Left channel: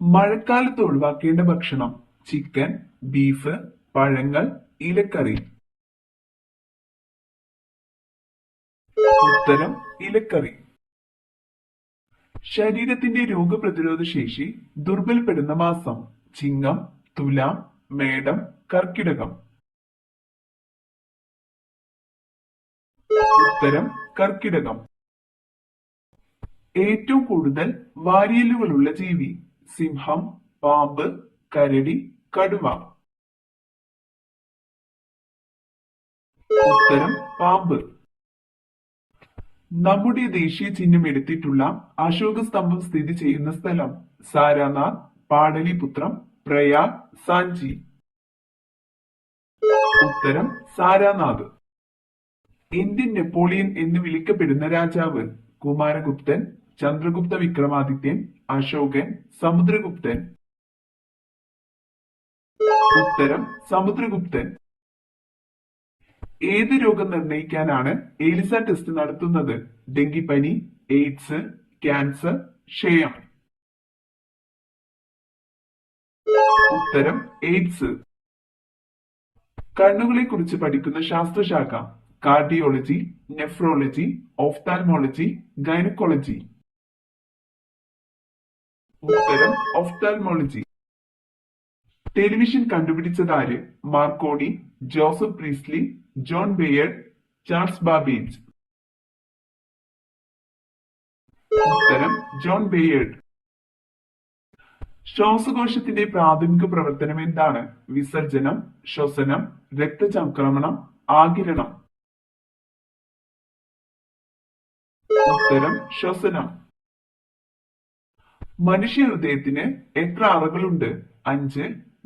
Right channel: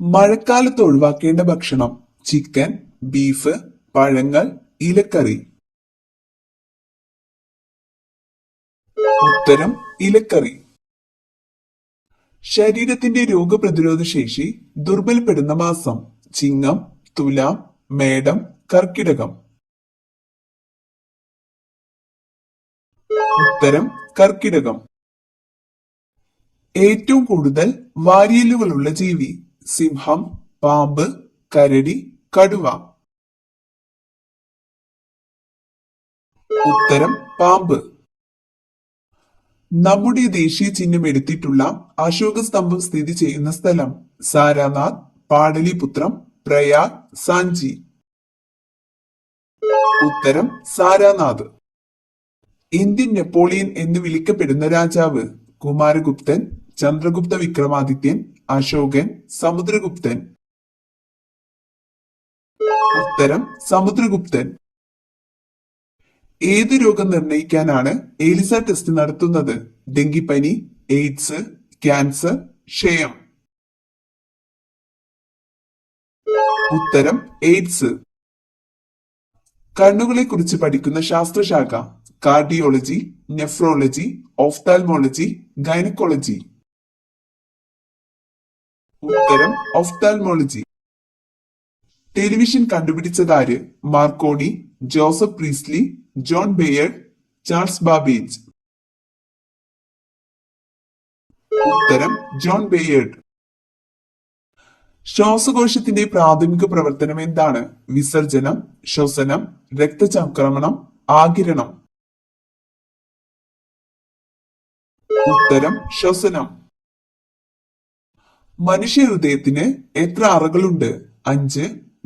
മഴക്കാലത്ത് ഒഴിവാക്കേണ്ട ഭക്ഷണം: ചിക്കൻ, ബീഫ്, പഴങ്ങൾ, ഇലക്കറി. ഉത്തരം ഇലക്കറി. ശരീരത്തിന്റെ രോഗപ്രതിരോധ ശേഷി ദുർബലപ്പെടുന്ന മാസം: ചിങ്ങം, തുലാം, മേടം, കർക്കിടകം. ഉത്തരം കർക്കിടകം. ഏറ്റവും കൂടുതൽ വാരിയെല്ലുകളുള്ള ജീവി: സിംഹം, പാമ്പ്, കരടി, കടുവ. ഉത്തരം പാമ്പ്. നമ്മുടെ ദേശീയ ചിഹ്നം എടുത്തിട്ടുള്ള അശോക സ്തംഭം സ്ഥിതി ചെയ്യുന്ന സ്ഥലം: സാരാനാഥ്, പാടലിപുത്രം, പ്രയാഗ്, സാഞ്ചി. ഉത്തരം സാരാനാഥ്. ഇന്ത്യൻ നെപ്പോളിയൻ എന്ന് വിളിക്കപ്പെടുന്ന രാജാവ്: കുമാരഗുപ്തൻ, ചന്ദ്രഗുപ്ത വിക്രമാദിത്യൻ, അശോകൻ, സമുദ്രഗുപ്തൻ. ഉത്തരം സമുദ്രഗുപ്തൻ. ഏത് രോഗം നിർണയിക്കാനാണ് എലിസ ടെസ്റ്റ് നടത്തുന്നത്? ഡെങ്കിപ്പനി, എയ്ഡ്സ്, ക്യാൻസർ, ക്ഷയം. ഉത്തരം എയ്ഡ്സ്. കണ്ണുകളെ കുറിച്ച് പഠിക്കുന്ന ശാസ്ത്രശാഖ: കാർഡിയോളജി, നെഫ്രോളജി, ഓഫ്താൽമോളജി, ഗൈനക്കോളജി. ഉത്തരം ഓഫ്താൽമോളജി. ടെലിവിഷൻ കണ്ടുപിടിച്ചതാര്? Marconi, Joseph Priestley, John Baird, Charles Babbage. ഉത്തരം ജോൺ ബെയർഡ്. ശ്വാസകോശത്തിന്റെ പ്രാഥമിക പ്രവർത്തനം എന്താണ്? വിസർജനം, ശ്വസനം, രക്തചംക്രമണം, ആഗിരണം. ഉത്തരം ശ്വസനം. മനുഷ്യ ഹൃദയത്തിന് എത്ര അറകളുണ്ട്? 5,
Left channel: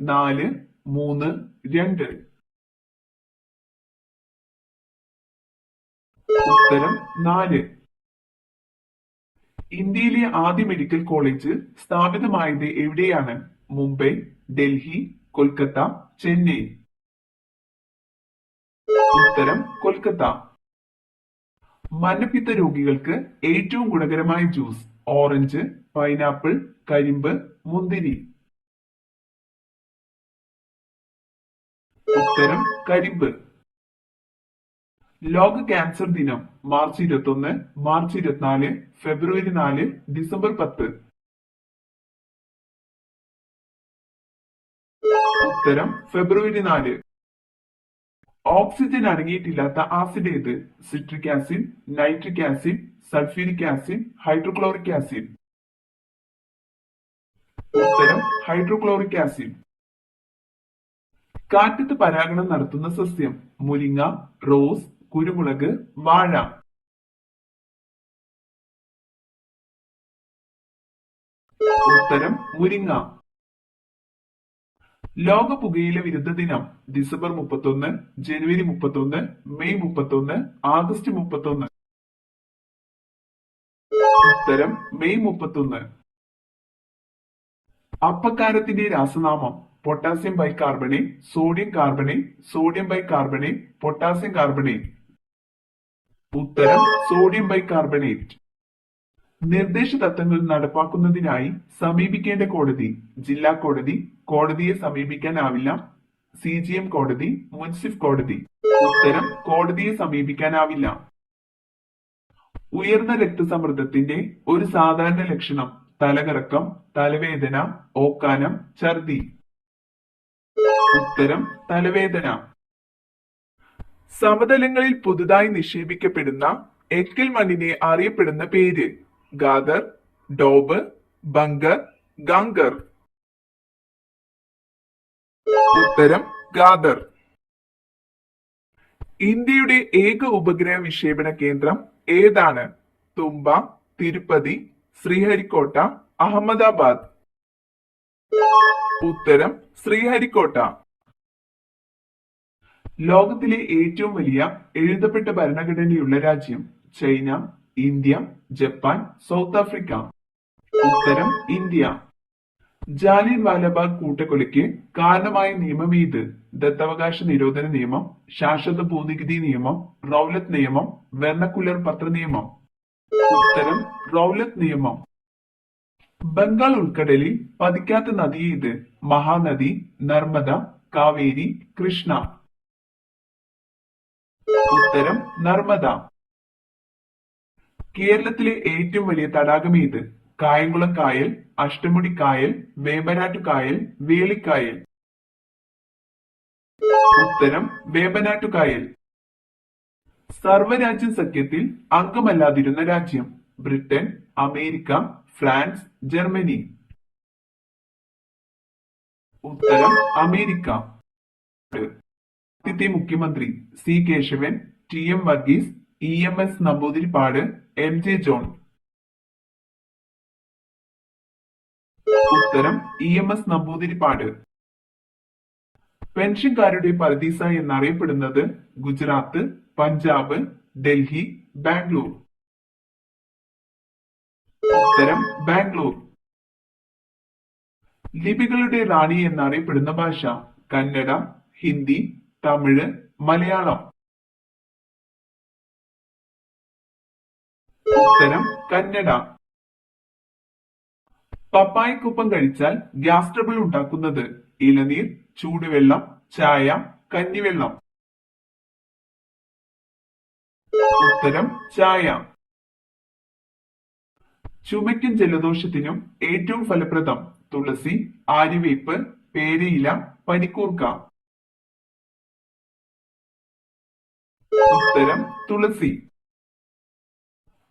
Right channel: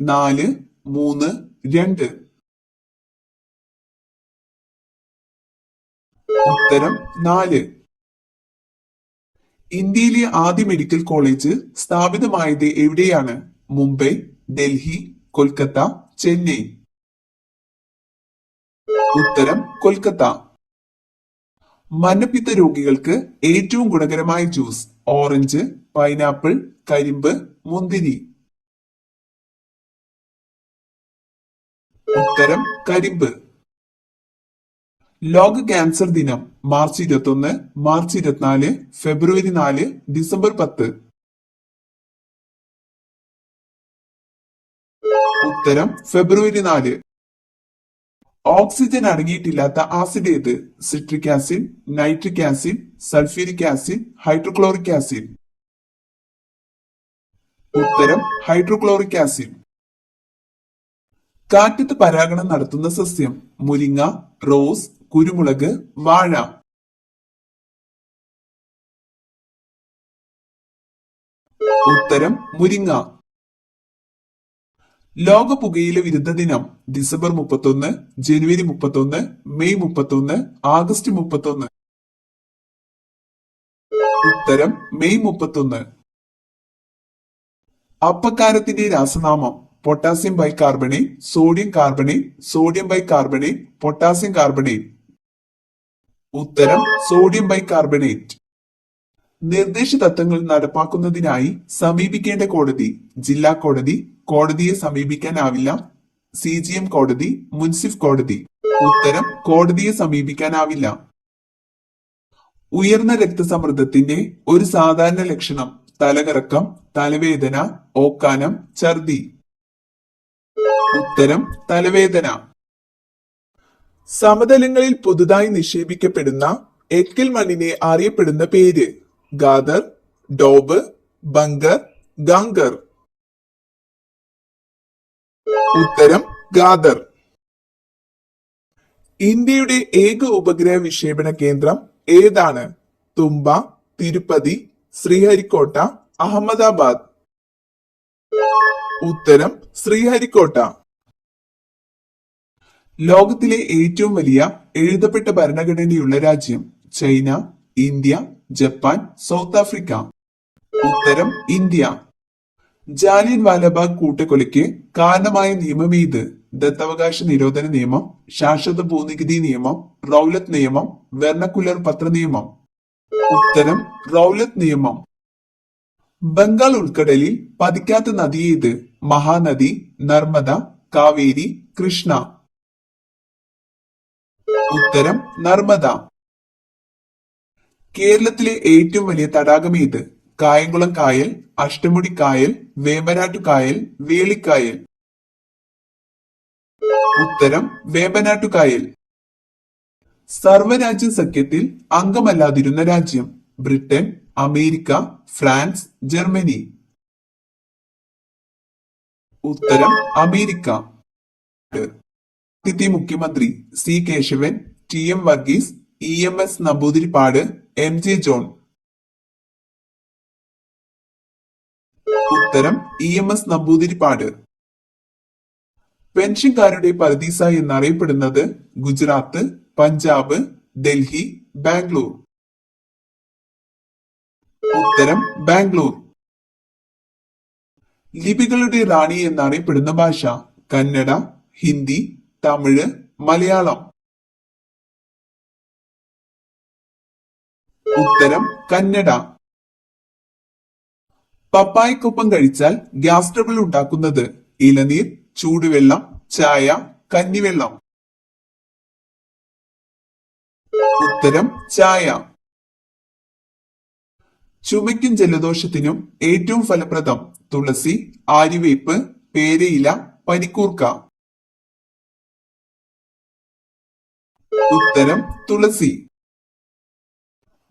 4, 3, 2. ഉത്തരം 4. ഇന്ത്യയിലെ ആദ്യ മെഡിക്കൽ കോളേജ് സ്ഥാപിതമായത് എവിടെയാണ്? മുംബൈ, ഡൽഹി, കൊൽക്കത്ത, ചെന്നൈ. ഉത്തരം കൊൽക്കത്ത. മഞ്ഞപ്പിത്ത രോഗികൾക്ക് ഏറ്റവും ഗുണകരമായ ജ്യൂസ്: ഓറഞ്ച്, പൈനാപ്പിൾ, കരിമ്പ്, മുന്തിരി. ഉത്തരം കരിമ്പ്. ലോക ക്യാൻസർ ദിനം: മാർച്ച് 21, മാർച്ച് 24, ഫെബ്രുവരി 4, ഡിസംബർ 10. ഉത്തരം ഫെബ്രുവരി 4. ഓക്സിജൻ അടങ്ങിയിട്ടില്ലാത്ത ആസിഡ് ഏത്? Citric acid, nitric acid, sulphuric acid, hydrochloric acid. ഉത്തരം ഹൈഡ്രോക്ലോറിക് ആസിഡ്. കാറ്റത്ത് പരാഗണം നടത്തുന്ന സസ്യം: മുരിങ്ങ, റോസ്, കുരുമുളക്, വാഴ. ഉത്തരം മുരിങ്ങ. ലോക പുകയില വിരുദ്ധ ദിനം: ഡിസംബർ 31, ജനുവരി 31, മെയ് 31, ആഗസ്റ്റ് 31. ഉത്തരം മെയ് 31. അപ്പക്കാരത്തിന്റെ രാസനാമം: potassium bicarbonate, sodium carbonate, sodium bicarbonate, potassium carbonate. ഉത്തരം സോഡിയം ബൈകാർബണേറ്റ്. നിർദ്ദേശ തത്വങ്ങൾ നടപ്പാക്കുന്നതിനായി സമീപിക്കേണ്ട കോടതി: ജില്ലാ കോടതി, കോടതിയെ സമീപിക്കാനാവില്ല, CGM കോടതി, മുൻസിഫ് കോടതി. ഉത്തരം കോടതിയെ സമീപിക്കാനാവില്ല. ഉയർന്ന രക്തസമ്മർദ്ദത്തിന്റെ ഒരു സാധാരണ ലക്ഷണം: തലകറക്കം, തലവേദന, ഓക്കാനം, ഛർദി. ഉത്തരം തലവേദന. സമതലങ്ങളിൽ പുതുതായി നിക്ഷേപിക്കപ്പെടുന്ന എക്കൽ മണ്ണിനെ അറിയപ്പെടുന്ന പേര്: ഗാദർ, ഡോബ്, ബങ്കർ, ഗാംഗർ. ഉത്തരം ഗാദർ. ഇന്ത്യയുടെ ഏക ഉപഗ്രഹ വിക്ഷേപണ കേന്ദ്രം ഏതാണ്? തുമ്പ, തിരുപ്പതി, ശ്രീഹരിക്കോട്ട, അഹമ്മദാബാദ്. ഉത്തരം ശ്രീഹരിക്കോട്ട. ലോകത്തിലെ ഏറ്റവും വലിയ എഴുതപ്പെട്ട ഭരണഘടനയുള്ള രാജ്യം: China, India, Japan, south Africa. ഉത്തരം ഇന്ത്യ. ജാലിയൻ വാലാബാഗ് കൂട്ടക്കൊലയ്ക്ക് കാരണമായ നിയമം ഏത്? ദത്തവകാശ നിരോധന നിയമം, ശാശ്വത ഭൂനികുതി നിയമം, റൗലത്ത് നിയമം, വെർണക്കുലർ പത്ര നിയമം. ഉത്തരം റൗലത്ത് നിയമം. ബംഗാൾ ഉൾക്കടലിൽ പതിക്കാത്ത നദി ഏത്? മഹാനദി, നർമ്മദ, കാവേരി, കൃഷ്ണ. ഉത്തരം നർമ്മദ. കേരളത്തിലെ ഏറ്റവും വലിയ തടാകം ഏത്? കായംകുളം കായൽ, അഷ്ടമുടി കായൽ, വേമ്പനാട്ടു കായൽ, വേളിക്കായൽ. ഉത്തരം വേമ്പനാട്ടു കായൽ. സർവ്വരാജ്യ സഖ്യത്തിൽ അംഗമല്ലാതിരുന്ന രാജ്യം? Britain, America, France, Germany. ഉത്തരം അമേരിക്ക. ആദ്യത്തെ മുഖ്യമന്ത്രി C Keshavan, T M Varghese, E M S Namboodiripad, M J John. ഉത്തരം ഇ എം എസ് നമ്പൂതിരിപ്പാട്. പെൻഷൻകാരുടെ പർദീസ എന്നറിയപ്പെടുന്നത്? ഗുജറാത്ത്, പഞ്ചാബ്, ഡൽഹി, ബാംഗ്ലൂർ. ഉത്തരം ബാംഗ്ലൂർ. ലിപികളുടെ റാണി എന്നറിയപ്പെടുന്ന ഭാഷ? കന്നഡ, ഹിന്ദി, തമിഴ്, മലയാളം. ഉത്തരം കന്നഡ. പപ്പായക്കൊപ്പം കഴിച്ചാൽ ഗ്യാസ് ട്രബിൾ ഉണ്ടാക്കുന്നത്? ഇളനീർ, ചൂടുവെള്ളം, ചായ, കഞ്ഞിവെള്ളം. ഉത്തരം ചായ. ചുമയ്ക്കും ജലദോഷത്തിനും ഏറ്റവും ഫലപ്രദം? തുളസി, ആര്യവേപ്പ്, പേരയില, പനിക്കൂർക്ക. ഉത്തരം തുളസി.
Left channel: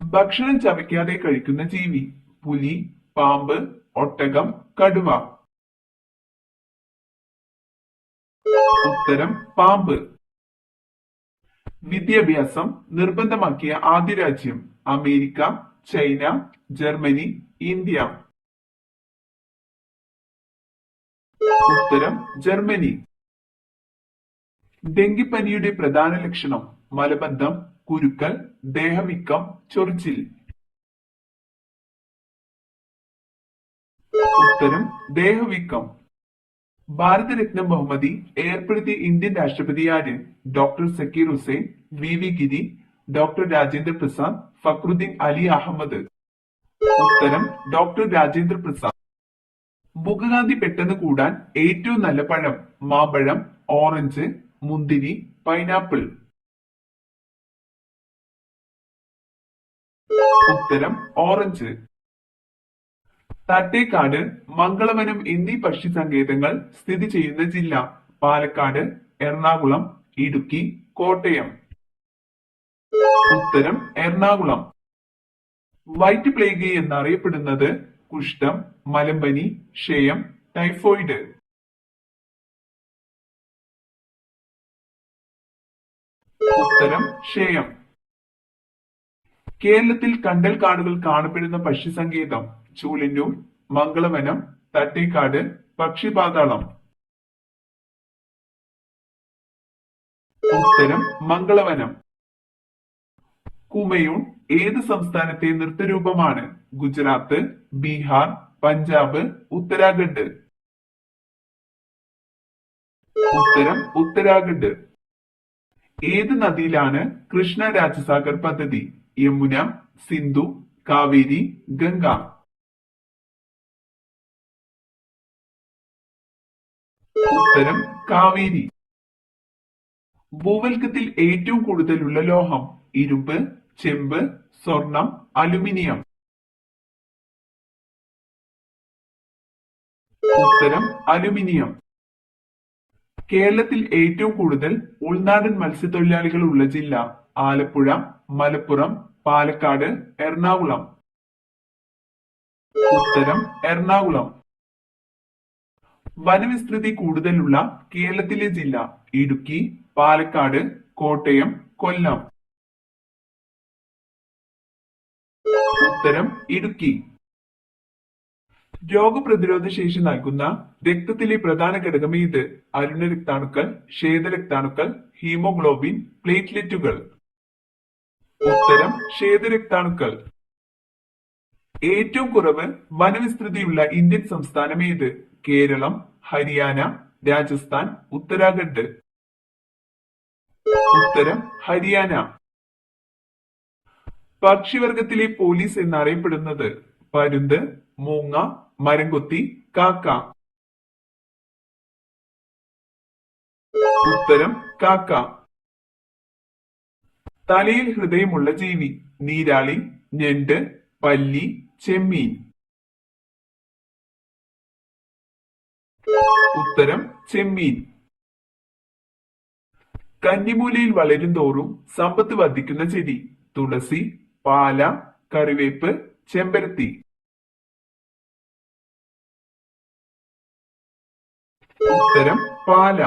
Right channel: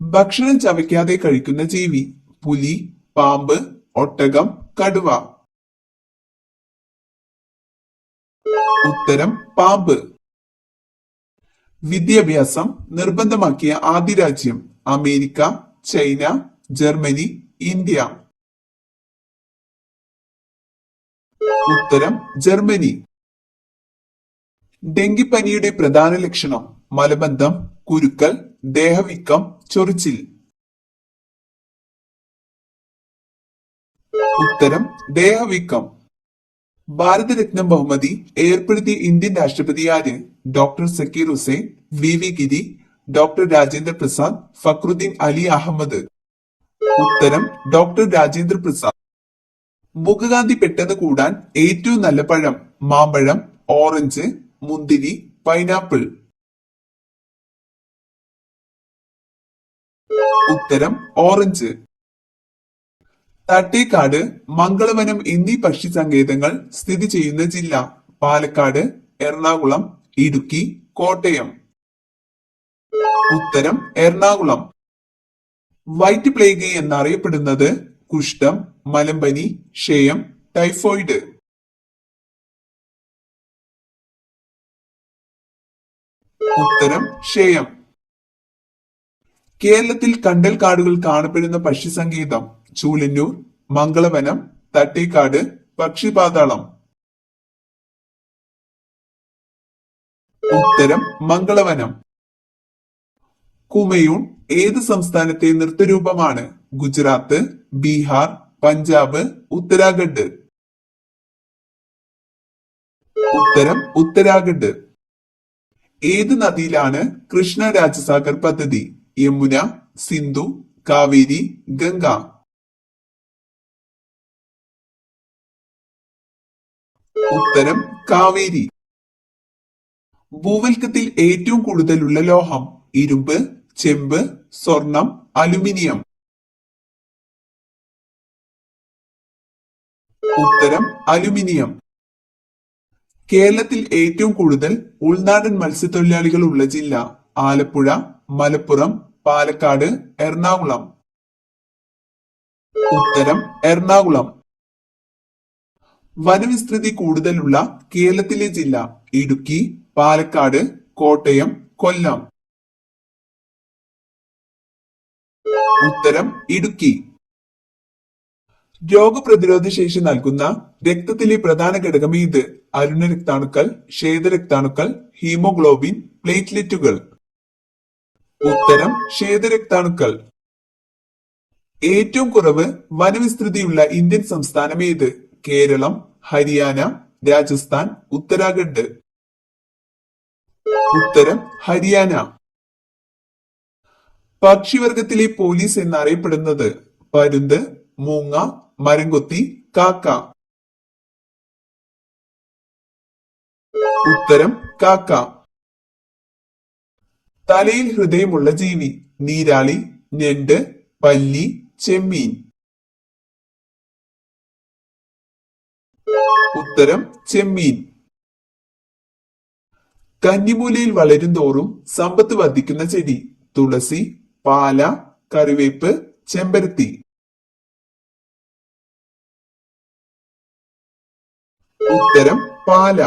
ഭക്ഷണം ചവയ്ക്കാതെ കഴിക്കുന്ന ജീവി? പുലി, പാമ്പ്, ഒട്ടകം, കടുവ. ഉത്തരം പാമ്പ്. വിദ്യാഭ്യാസം നിർബന്ധമാക്കിയ ആദ്യ രാജ്യം? America, China, Germany, India. ഉത്തരം ജർമ്മനി. ഡെങ്കിപ്പനിയുടെ പ്രധാന ലക്ഷണം? മലബന്ധം, കുരുക്കൽ, ദേഹവീക്കം, ചൊറിച്ചിൽ. ഉത്തരം ദേഹവീക്കം. ഭാരതരത്നം ബഹുമതി ഏർപ്പെടുത്തിയ ഇന്ത്യൻ രാഷ്ട്രപതി ആര്? Doctor Zakir Hussain, V V Giri, doctor Rajendra Prasad, Fakhruddin Ali Ahmed. ഉത്തരം ഡോക്ടർ രാജേന്ദ്ര പ്രസാദ്. മുഖകാന്തി പെട്ടെന്ന് കൂടാൻ ഏറ്റവും നല്ല പഴം? മാമ്പഴം, ഓറഞ്ച്, മുന്തിരി, പൈനാപ്പിൾ. ഉത്തരം ഓറഞ്ച്. തട്ടേക്കാട്, മംഗളവനം എന്നീ പക്ഷി സങ്കേതങ്ങൾ സ്ഥിതി ചെയ്യുന്ന ജില്ല? പാലക്കാട്, എറണാകുളം, ഇടുക്കി, കോട്ടയം. ഉത്തരം എറണാകുളം. വൈറ്റ് പ്ലേഗ് എന്നറിയപ്പെടുന്നത്? കുഷ്ഠം, മലമ്പനി, ക്ഷയം, ടൈഫോയിഡ്. ഉത്തരം ക്ഷയം. കേരളത്തിൽ കണ്ടൽ കാടുകൾ കാണപ്പെടുന്ന പക്ഷി സങ്കേതം? ചൂളന്നൂർ, മംഗളവനം, തട്ടേക്കാട്, പക്ഷിപാതാളം. ഉത്തരം മംഗളവനം. കുമയൂൺ ഏത് സംസ്ഥാനത്തെ നൃത്തരൂപമാണ്? ഗുജറാത്ത്, ബീഹാർ, പഞ്ചാബ്, ഉത്തരാഖണ്ഡ്. ഉത്തരം ഉത്തരാഖണ്ഡ്. ഏത് നദിയിലാണ് കൃഷ്ണ രാജസാഗർ പദ്ധതി? യമുന, സിന്ധു, കാവേരി, ഗംഗ. ഉത്തരം കാവേരി. ഭൂവൽക്കത്തിൽ ഏറ്റവും കൂടുതലുള്ള ലോഹം? ഇരുമ്പ്, ചെമ്പ്, സ്വർണം, അലുമിനിയം. ഉത്തരം അലുമിനിയം. കേരളത്തിൽ ഏറ്റവും കൂടുതൽ ഉൾനാടൻ മത്സ്യത്തൊഴിലാളികൾ ഉള്ള ജില്ല? ആലപ്പുഴ, മലപ്പുറം, പാലക്കാട്, എറണാകുളം. ഉത്തരം എറണാകുളം. വനവിസ്തൃതി കൂടുതലുള്ള കേരളത്തിലെ ജില്ല? ഇടുക്കി, പാലക്കാട്, കോട്ടയം, കൊല്ലം. ഉത്തരം ഇടുക്കി. രോഗപ്രതിരോധ ശേഷി നൽകുന്ന രക്തത്തിലെ പ്രധാന ഘടകം ഏത്? അരുണ രക്താണുക്കൾ, ശ്വേതരക്താണുക്കൾ, ഹീമോഗ്ലോബിൻ, പ്ലേറ്റ്ലെറ്റുകൾ. ഉത്തരം ശ്വേതരക്താണുക്കൾ. ഏറ്റവും കുറവ് വനവിസ്തൃതിയുള്ള ഇന്ത്യൻ സംസ്ഥാനം ഏത്? കേരളം, ഹരിയാന, രാജസ്ഥാൻ, ഉത്തരാഖണ്ഡ്. ഉത്തരം ഹരിയാന. പക്ഷിവർഗത്തിലെ പോലീസ് എന്നറിയപ്പെടുന്നത്? പരുന്ത്, മൂങ്ങ, മരംകൊത്തി, കാക്ക. ഉത്തരം കാക്ക. തലയിൽ ഹൃദയമുള്ള ജീവി: നീരാളി, ഞണ്ട്, പല്ലി, ചെമ്മീൻ. ഉത്തരം ചെമ്മീൻ. കന്നിമൂലയിൽ വളരും തോറും സമ്പത്ത് വർദ്ധിക്കുന്ന ചെടി: തുളസി, പാല, കറിവേപ്പ്, ചെമ്പരത്തി. ഉത്തരം പാല.